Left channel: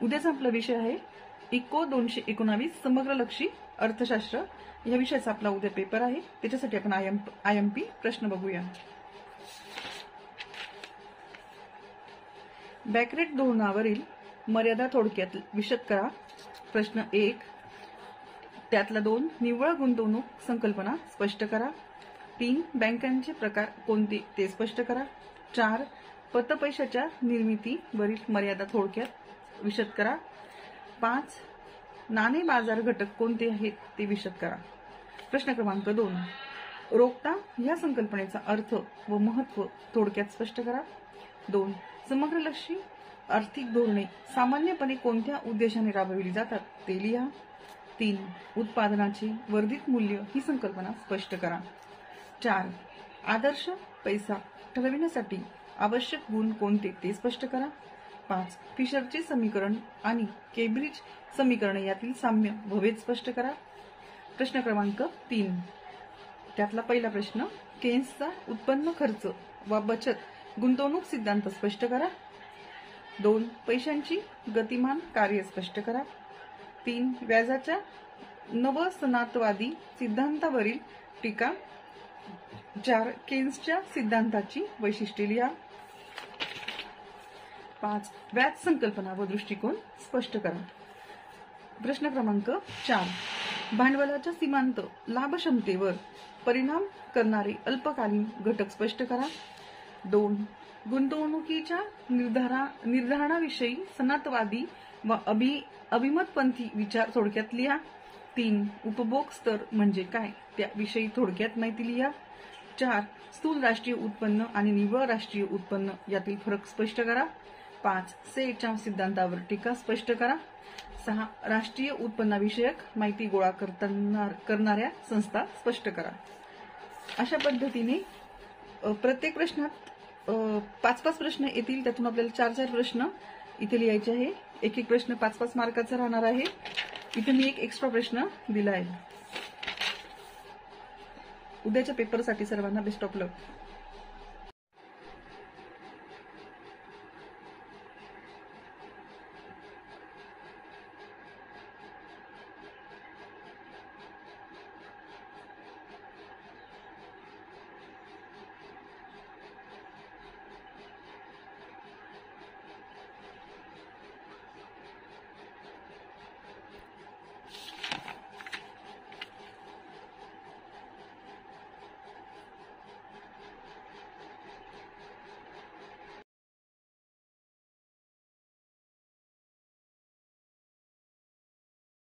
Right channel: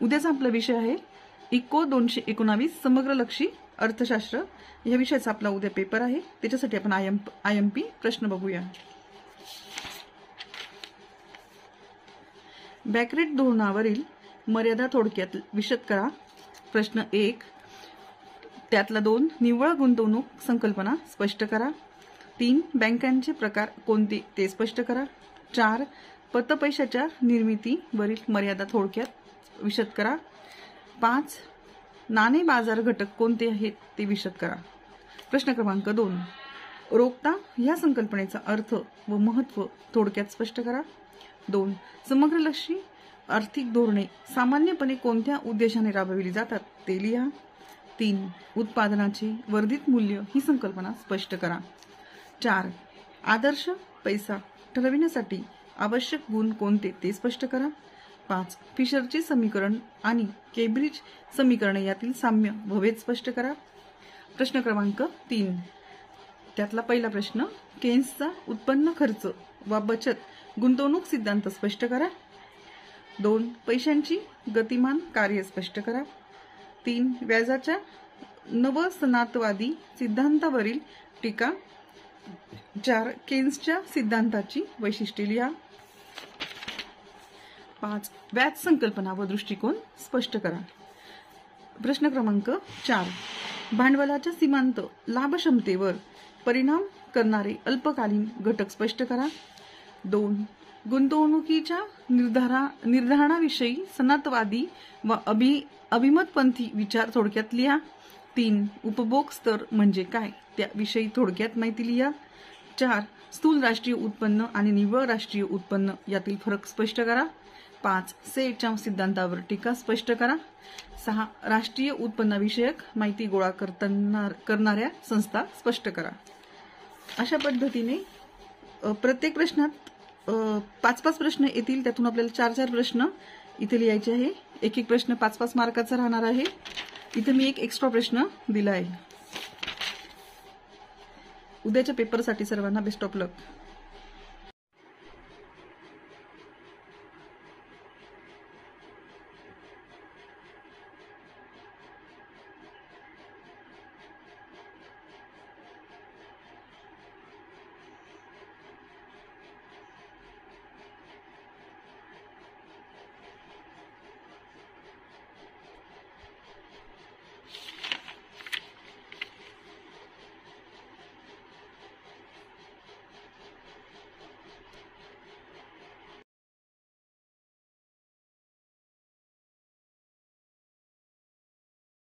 उद्याचा आपला विषय आहे इको 219 समग्रलक्षी अर्थशास्त्र या विषयाचा आपला उद्या पेपर आहे। त्याच्यासाठी आपण आयएमपी प्रश्न बघूया। बॅकरेट धोरणावरील मर्यादा थोडक्यात विशद करा। प्रश्न 1, त्यातला 2 निव्वळ गुंतवणूक संकल्पना स्पष्ट करा। 3 बँकांचे प्रकार कोणते ते स्पष्ट करा। 4 पतपैशाच्या निर्मितीवरील मर्यादा थोडक्यात विशद करा। 5 नाणे बाजार घटक कोणते आहेत ते विशद करा। प्रश्न क्रमांक 2 रोखता या संकल्पनेचा अर्थ व महत्त्व थोडक्यात स्पष्ट करा। 2 समग्रलक्षी आर्थिक धोरणे सामान्यपणे कोणत्या उद्देशाने राबविली जातात ते लिहा। 3 उत्पादनाचे वर्धित मूल्य ही संकल्पना स्पष्ट करा। 4 आदर्श पैसा ठरविण्यासाठी आवश्यक गुण कोणते ते स्पष्ट करा। 5 फिशरचे समीकरण आणि केम्ब्रिज समीकरण यातील साम्य व भेद स्पष्ट करा। प्रश्न क्रमांक 3 त्यातला पहिला प्रश्न केन्सचा उत्पन्न खर्च व बचत गुंतवणूक सिद्धांत स्पष्ट करा। 2 पैशांची गतिमान कार्य स्पष्ट करा। 3 व्याजाच्या नवसनातवादी सिद्धांतावरील टीका। 4 केन्सच्या सिद्धांताची वैशिष्ट्ये लिहा। 5 व्याज संकल्पना व दृष्टिकोन स्पष्ट करा। प्रश्न क्रमांक 4 भांडवलाच्या सीमांत लाभक्षमतेवर परिणाम करणारे अल्पकालीन घटक स्पष्ट करा। 2 गुंतवणुकीच्या निर्धारणाविषयी सनातवादी व अभिमतपंथी विचार थोडक्यात लिहा। 3 उपभोग स्तर म्हणजे काय त्याविषयी थोडक्यात माहिती लिहा। 4 स्थूल राष्ट्रीय उत्पन्न आणि निव्वळ राष्ट्रीय उत्पन्न यातील फरक स्पष्ट करा। 5 सेटच्या सिद्धांतावर टीका स्पष्ट करा। 6 राष्ट्रीय उत्पन्नाविषयक माहिती गोळा करणाऱ्या संस्था स्पष्ट करा। अशा पद्धतीने प्रत्येक प्रश्नात 5-5 प्रश्न येतील। त्यातून आपल्याला 4-4 प्रश्न इथे लिहायचे आहे। एक प्रश्न 5-5 मार्काचा राहणार आहे। इथे मी एक एक्स्ट्रा प्रश्न दिला आहे। उद्याच्या पेपरसाठी सर्वांना बेस्ट ऑफ लक।